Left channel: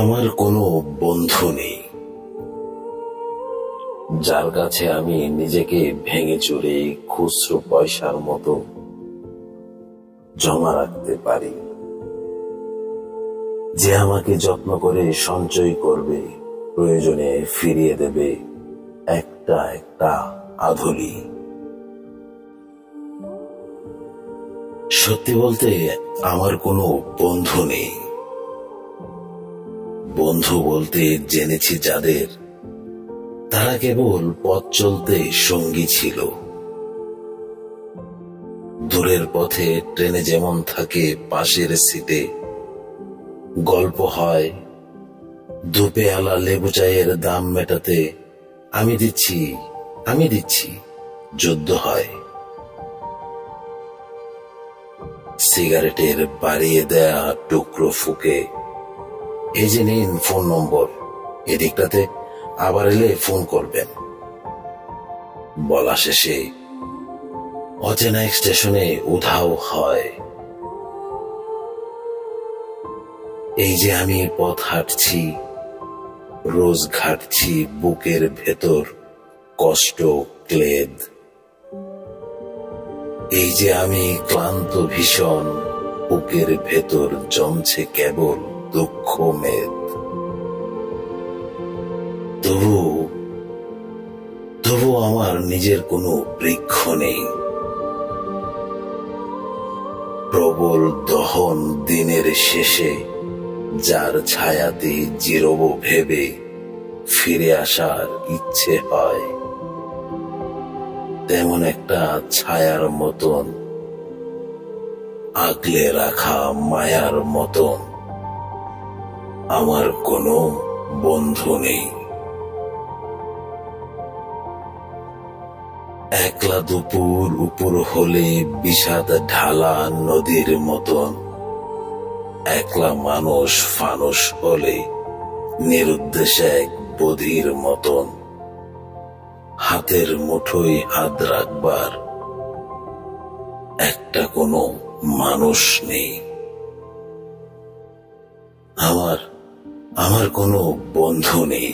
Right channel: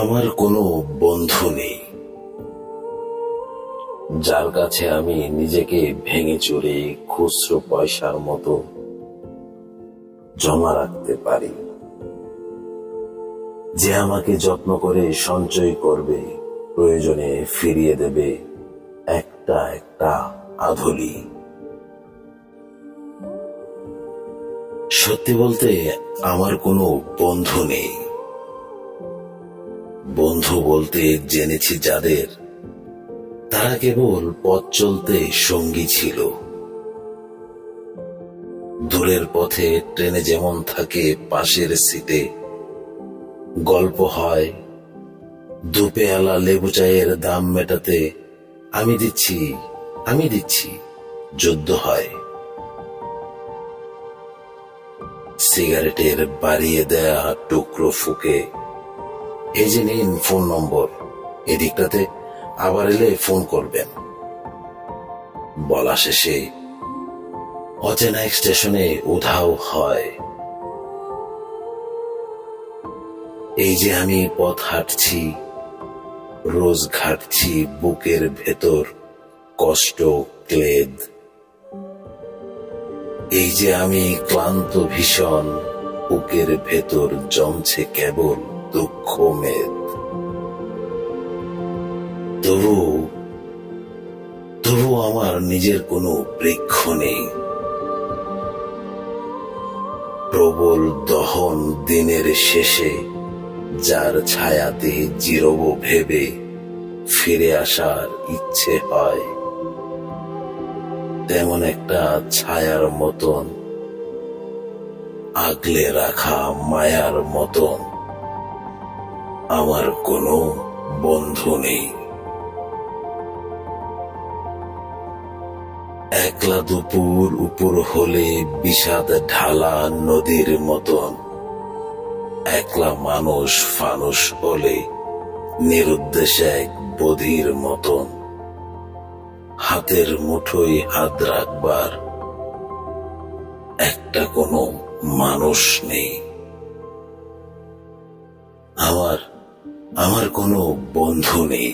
আমার কোনো বন্ধু নেই যার কাছে আমি নিজেকে ভেঙে চুরে খুচরো পয়সার মতো জমা রাখতে পারি, যে আমাকে যত্ন করে সঞ্চয় করবে, প্রয়োজনে ফিরিয়ে দেবে একটা একটা আধুলি। সত্যি বলতে আমার কোনো বন্ধু নেই। বন্ধু বলতে জেনেছি যাদের, তারা কেবল পথ চলতে সঙ্গী ছিল। দূরের পথে ট্রেনে যেমন থাকে পাশের সিটে, গল্প হয়, দুপেয়ালা লেবু চায়ের দাম মেটাতে আমি দিচ্ছি যুদ্ধ হয়। সিগারেটের বাড়িয়ে দেয়া টুকরো ফুকে, এই যে নিন ফোন নম্বর, এদিকটাতে আবার এলে ফোন করবেন, বলা শেষে অচেনা এক স্টেশনে উধাও হয়। এই যে আমি পথ হাঁটছি, রোজ ঘাটছি বুকের ভেতর কষ্ট ক্লেদ। এই যে আমি ক্লান্ত ভীষণ, বুকের ভেতর জমছে কেবল দুঃখ মেদ। তবু আমার নিজের কোনো বৃক্ষ নেই। প্রবল দহন দিনের শেষে যার ছায়াতে জিরব ভেবে ফিরে আসার ইচ্ছে হয়, তেমন একটা ছায়ার মতন, আগলে রাখা মায়ার মতন আমার কোনো বন্ধু নেই। একলা দুপুর উপর হলে বিষাদ ঢালা নদীর মতন, একলা মানুষ ফানুষ হলে নিরুদ্দেশ এক বধির মতন, হাতের মুঠোয় হাত রাখবার একটা কোনো মানুষ নেই। আমার কোনো বন্ধু নেই।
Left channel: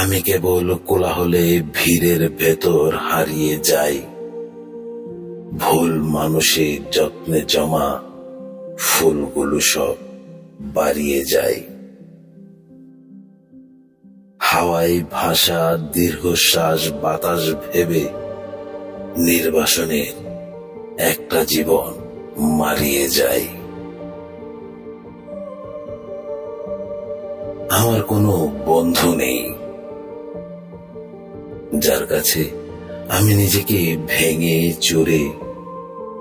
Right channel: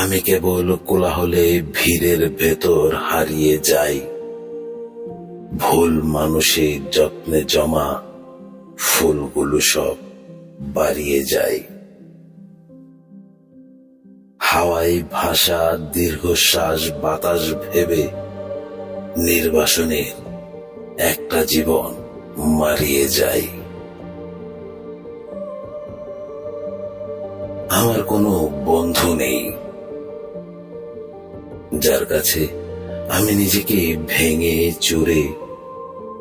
আমি কেবল কোলাহলে ভিড়ের ভেতর হারিয়ে যাই, ভুল মানুষের যত্নে জমা ফুলগুলো সব বাড়িয়ে যায়। হাওয়ায় ভাষা দীর্ঘশ্বাস বাতাস ভেবে নির্বাসনে একটা জীবন মারিয়ে যায়। আমার কোনো বন্ধু নেই যার কাছে আমি নিজেকে ভেঙে চুরে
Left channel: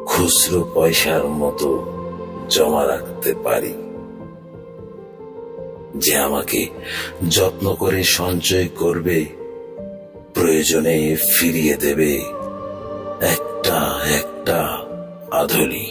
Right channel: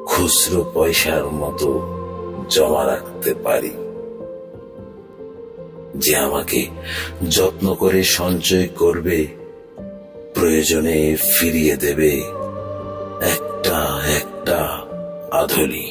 খুচরো পয়সার মতো জমা রাখতে পারি, যে আমাকে যত্ন করে সঞ্চয় করবে, প্রয়োজনে ফিরিয়ে দেবে একটা একটা আধুলি।